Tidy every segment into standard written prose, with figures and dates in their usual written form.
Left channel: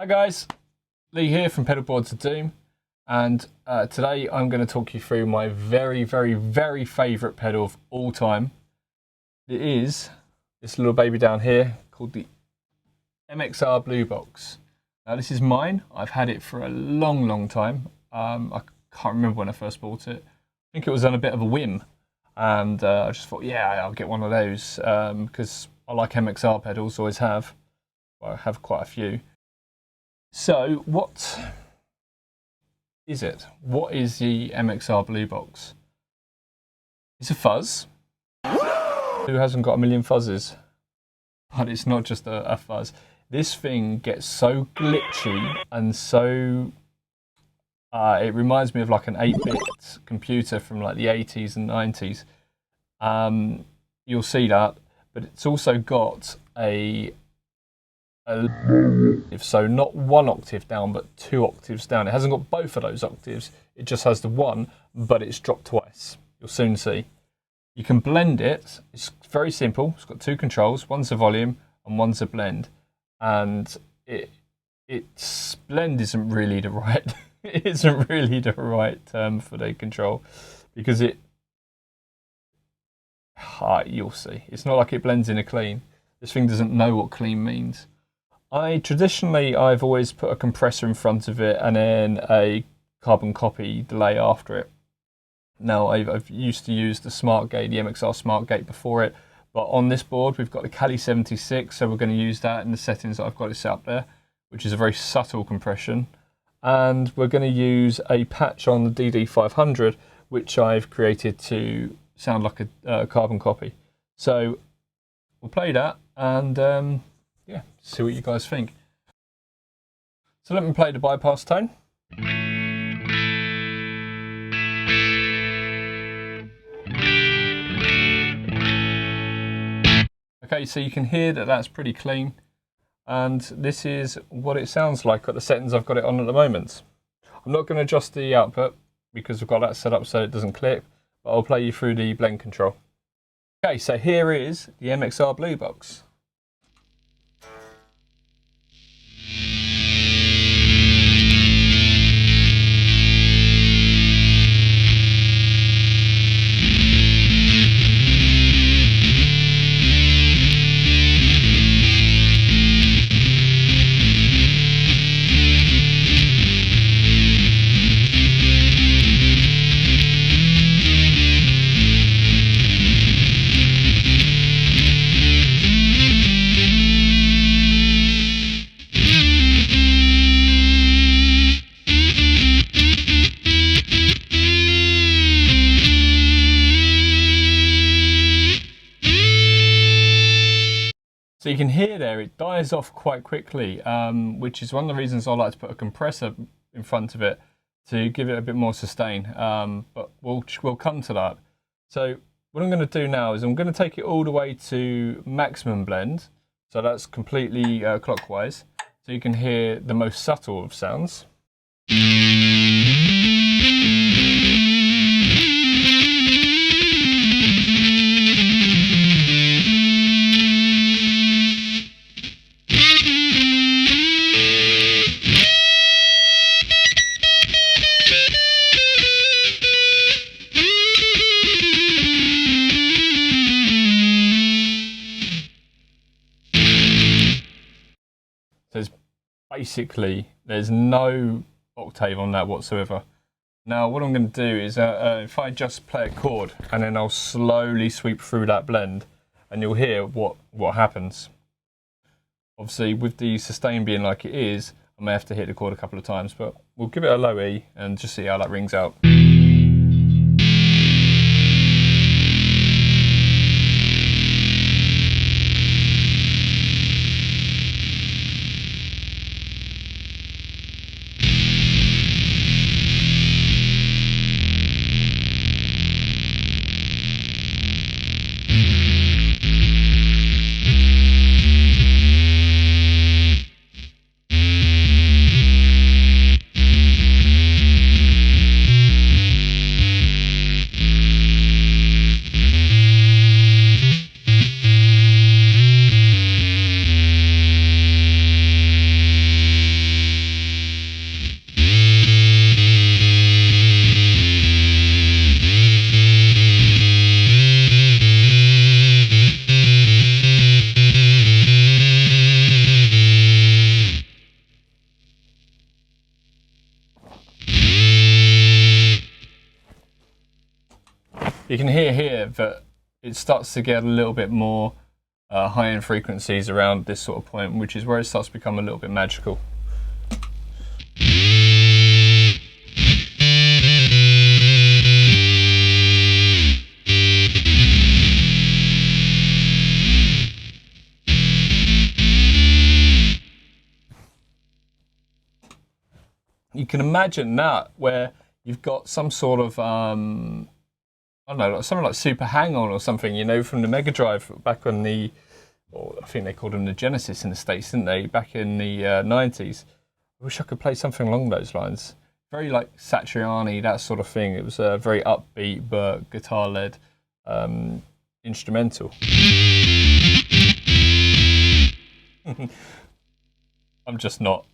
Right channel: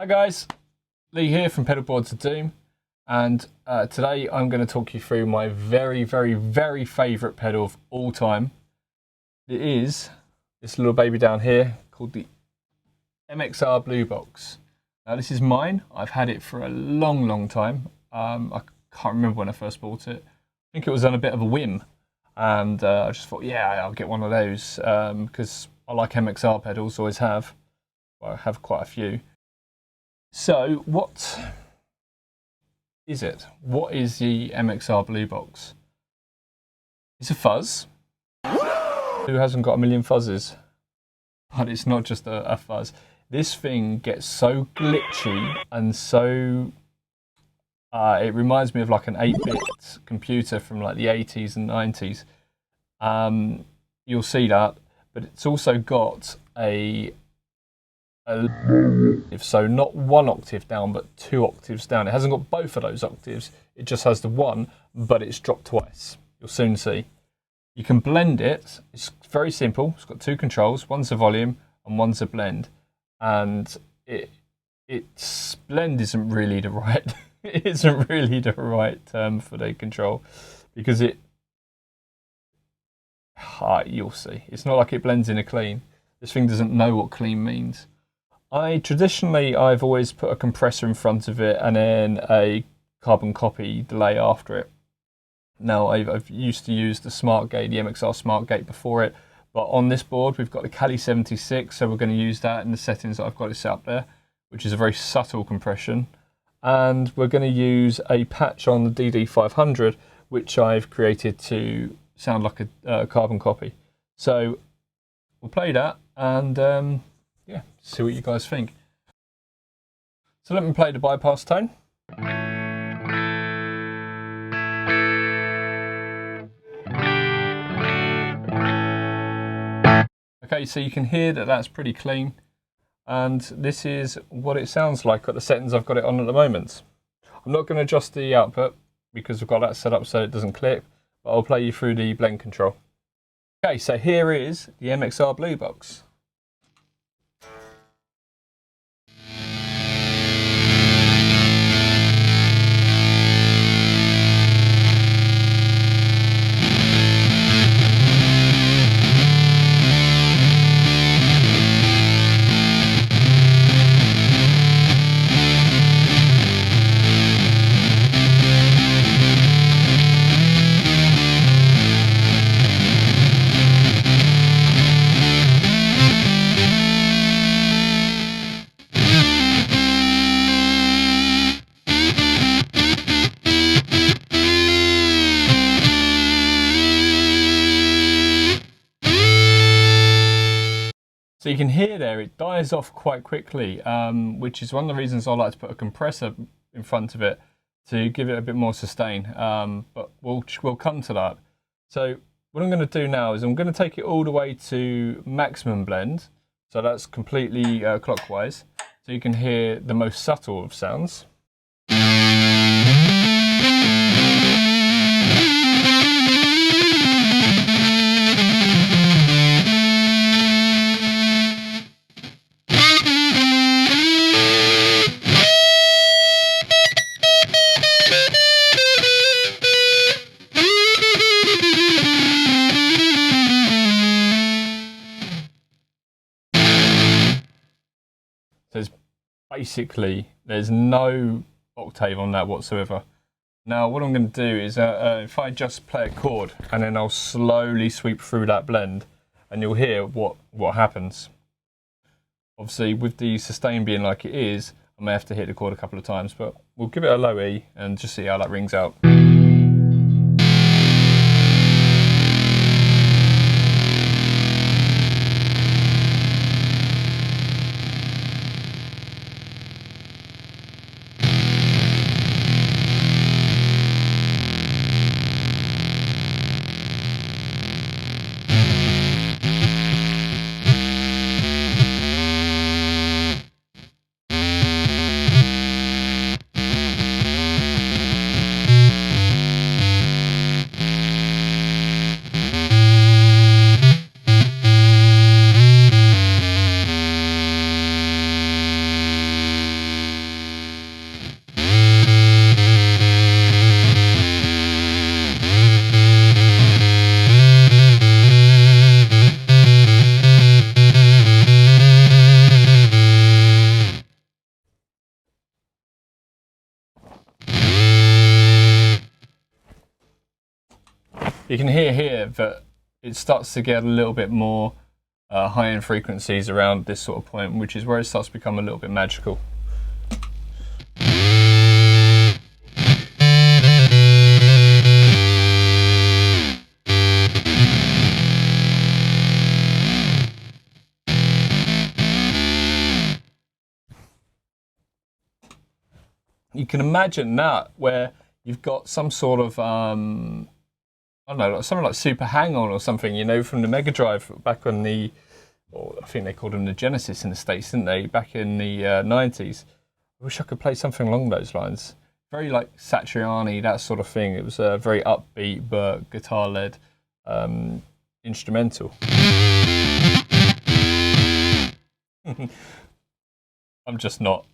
Hi guys, Lee here from Pedalboards of Doom, and today I'm going to talk you through my very favourite pedal of all time. It is this little baby down here called the MXR Blue Box. Now this is mine. I've had it for a long time. I can't remember when I first bought it. I think it was on a bit of a whim, and I just thought, yeah, I'll get one of those because I like MXR pedals, always have. Well, I have quite a few. So what is it? What is the MXR Blue Box? It's a fuzz. Who hasn't got a million fuzzes? But it's not just a fuzz. This thing gets so glitchy and so... it reminds me of like an 8-bit computer from like the 80s and 90s. You'll see that, but it's also got a so not 1 octave down, but 2 octaves down. It hasn't got both of those octaves. It just has the one, but it's dropped twice. You'll soon see. You can blend it. It's very simple. It's got 2 controls. One's a volume and one's a blend. And its blend isn't really the right. It isn't really the right term for the control, because you'll see. It's not like it blends in a clean. This thing doesn't know what clean means. Traditionally, I've always put a compressor in front of it and then a carbon copy delay after it. Now, I've used to use the Smart Gate, the MXR Smart Gate before it, but on this board we've got the Cali 76, so we're going to use that in the settings that I've got it set up there, which is a very subtle compression. And we're going to use a patch on the DD500, which I've created to sound like a carbon copy. So we'll play that and yeah, see what you guys think. So let me play the bypass tone. Okay, so you can hear that that's pretty clean, and this is what it sounds like at the settings I've got it on at the moment. I'm not going to adjust the output because I've got that set up so it doesn't clip, but I'll play you through the blend control. Okay, so here is the MXR Blue Box. So you can hear there, it dies off quite quickly, which is one of the reasons I like to put a compressor in front of it to give it a bit more sustain, but we'll come to that. So what I'm going to do now is I'm going to take it all the way to maximum blend, so that's completely clockwise, so you can hear the most subtle of sounds. So basically, there's no octave on that whatsoever. Now, what I'm going to do is, if I just play a chord, and then I'll slowly sweep through that blend, and you'll hear what happens. Obviously, with the sustain being like it is, I may have to hit the chord a couple of times, but we'll give it a low E and just see how that rings out. You can hear here that it starts to get a little bit more high-end frequencies around this sort of point, which is where it starts to become a little bit magical. You can imagine that where you've got some sort of I don't know, something like Super Hang-On or something, you know, from the Mega Drive back on the, or I think they called them the Genesis in the States, didn't they, back in the 90s. I wish I could play something along those lines. Very like Satriani, that sort of thing. It was a very upbeat but guitar-led instrumental. I'm just not.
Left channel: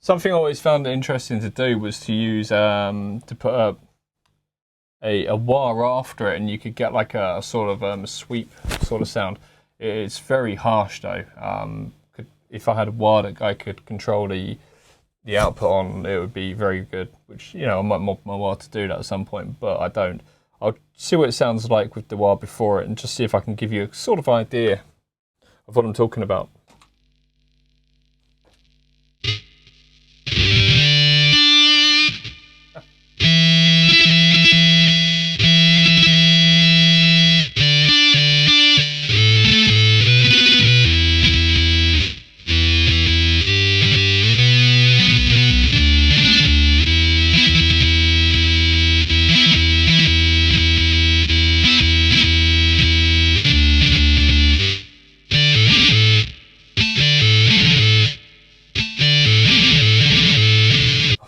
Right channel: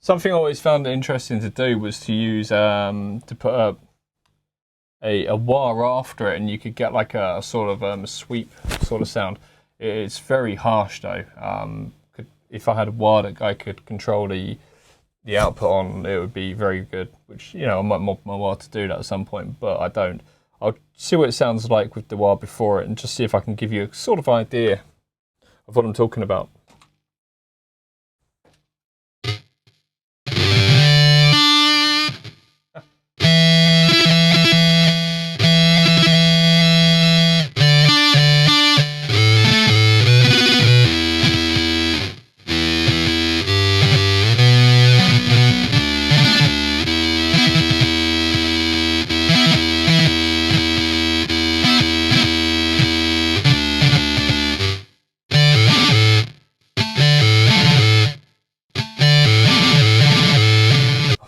Something I always found interesting to do was to use to put a wah after it, and you could get like a sort of sweep sort of sound. It's very harsh though. If I had a wah that I could control the output on, it would be very good. Which, you know, I might mod my wah to do that at some point, but I don't. I'll see what it sounds like with the wah before it, and just see if I can give you a sort of idea of what I'm talking about.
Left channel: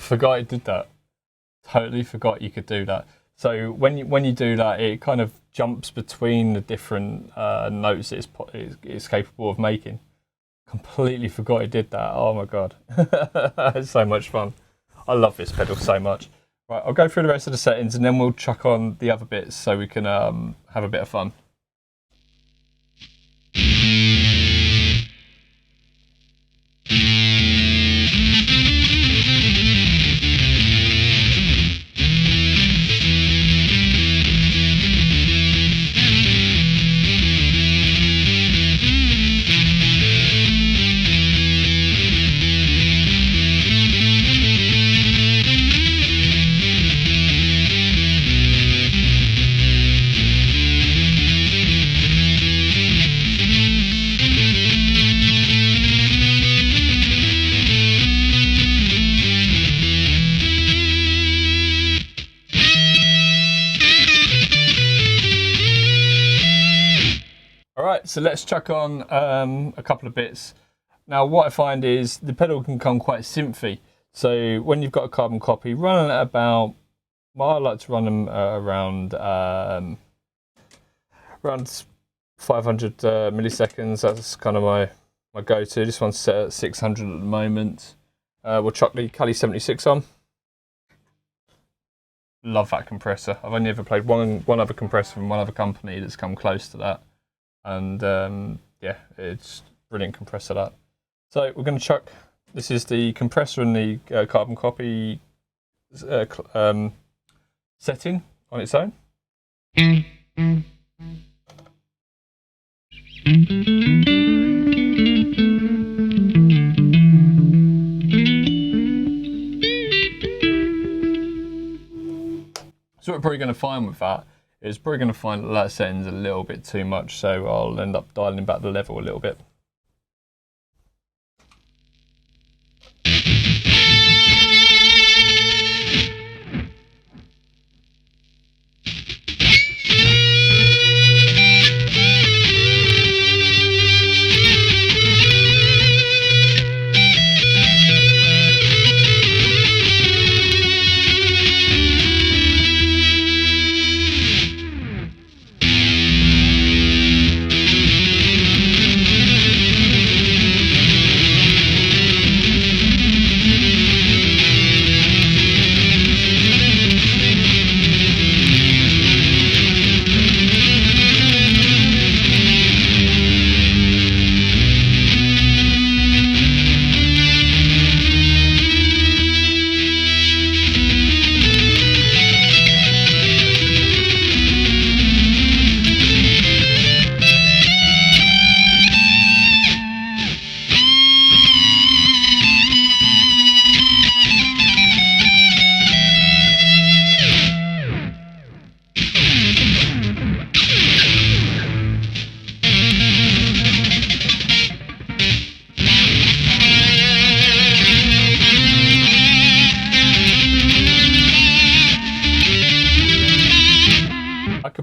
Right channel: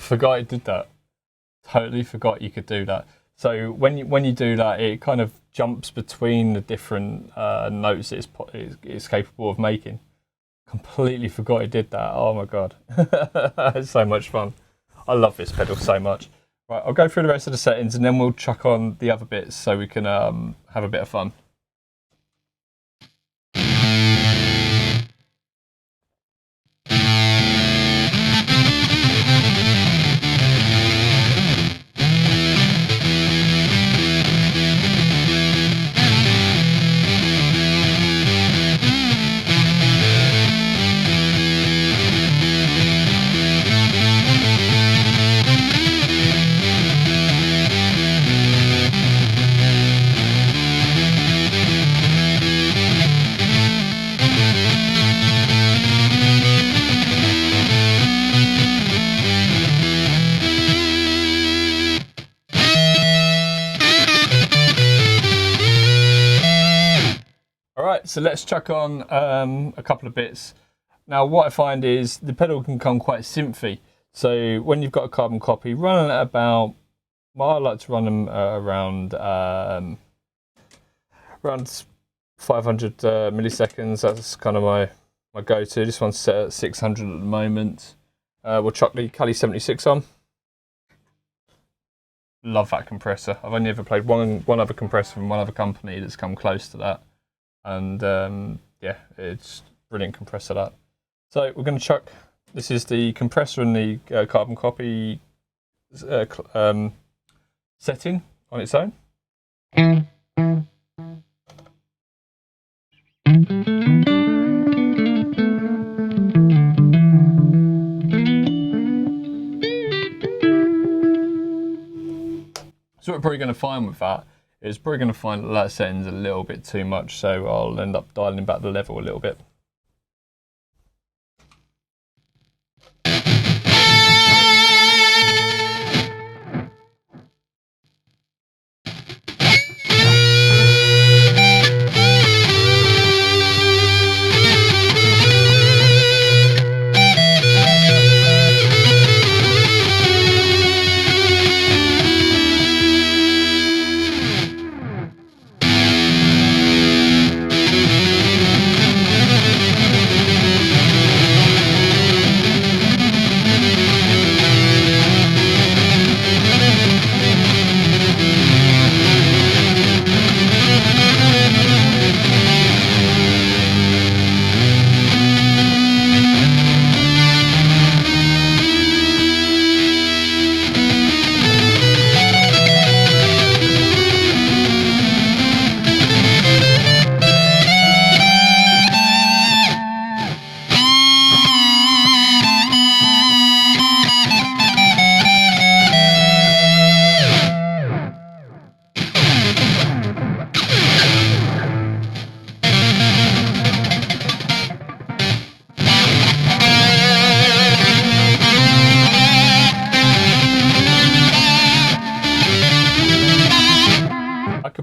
Forgot it did that. Totally forgot you could do that. So when you do that, it kind of jumps between the different notes it's capable of making. Completely forgot it did that. Oh my god, it's so much fun. I love this pedal so much. Right, I'll go through the rest of the settings and then we'll chuck on the other bits so we can have a bit of fun. Alright, so let's chuck on a couple of bits. Now what I find is the pedal can come quite synthy. So when you've got a carbon copy, run at about, well, I like to run them around 500 milliseconds. That's kind of my go-to. This one's set at 600 at the moment. We'll chuck the Cali 76 on. Love that compressor. I've only ever played one other compressor from one other company that's come close to that. And yeah, it's brilliant compressor that. So we're going to chuck, this is the compressor and the carbon copy setting on its own. So what we're probably going to find with that is probably going to find that settings a little bit too much, so I'll end up dialing back the level a little bit.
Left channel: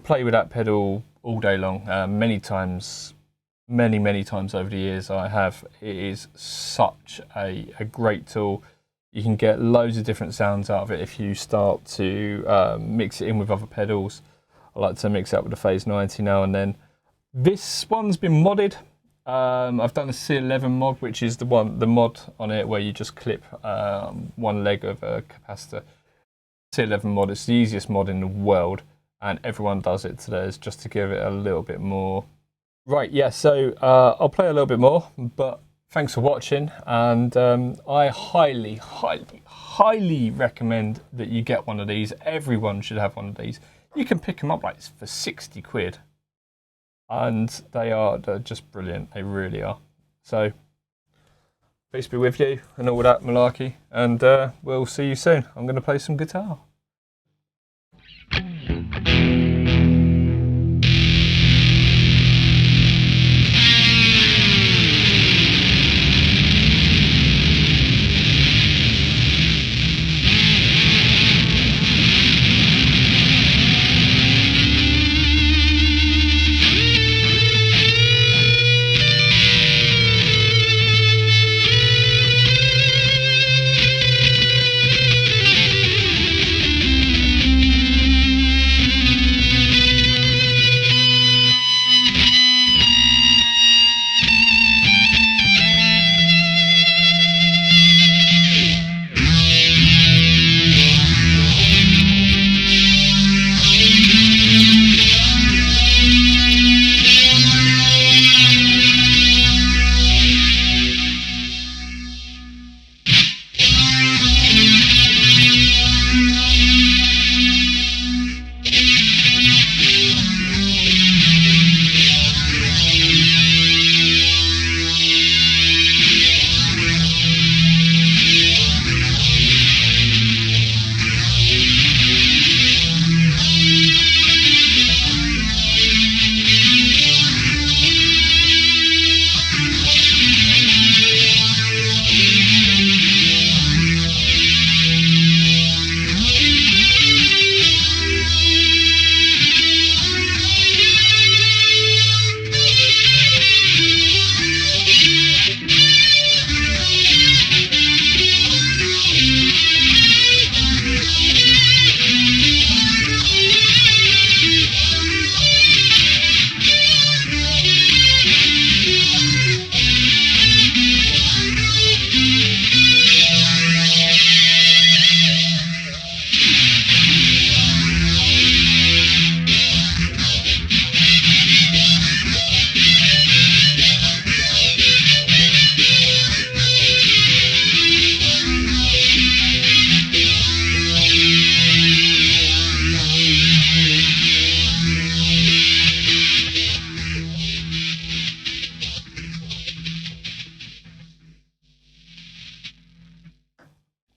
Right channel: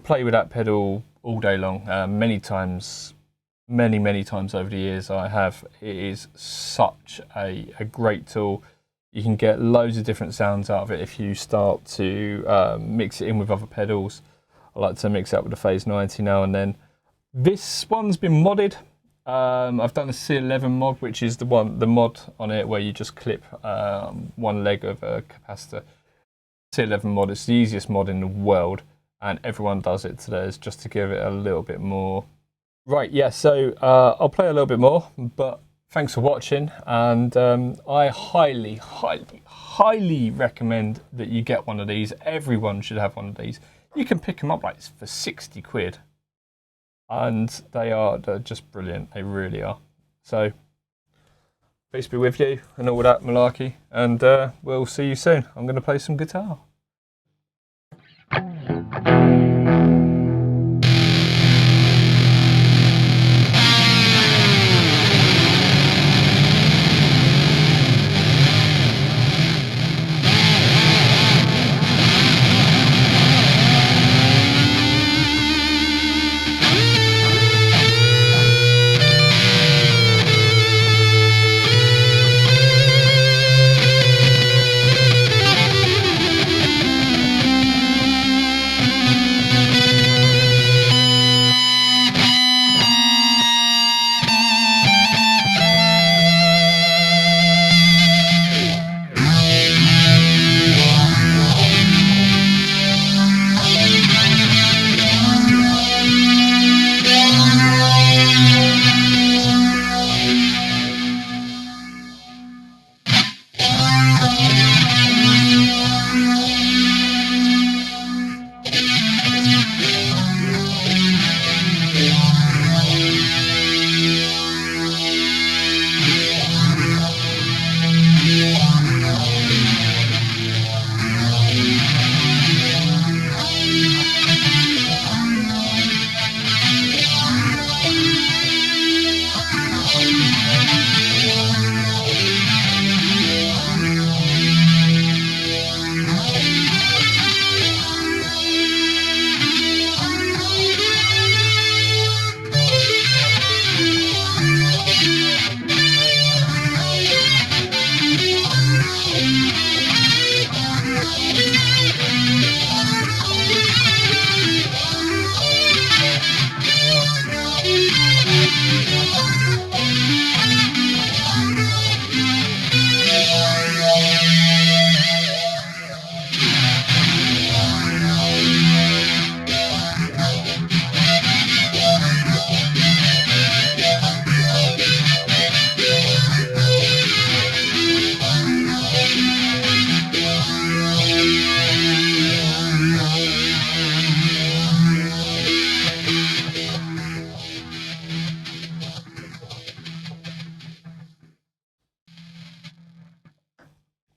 play with that pedal all day long. Many times over the years I have. It is such a great tool. You can get loads of different sounds out of it if you start to mix it in with other pedals. I like to mix it up with the Phase 90 now and then. This one's been modded. I've done a C11 mod, which is the mod on it where you just clip one leg of a capacitor. C11 mod, it's the easiest mod in the world, and everyone does it today, just to give it a little bit more. Right, yeah, so I'll play a little bit more, but thanks for watching, and I highly recommend that you get one of these. Everyone should have one of these. You can pick them up like for 60 quid, and they're just brilliant. They really are. So peace be with you and all that malarkey, and we'll see you soon. I'm going to play some guitar.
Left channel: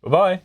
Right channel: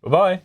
Bye-bye.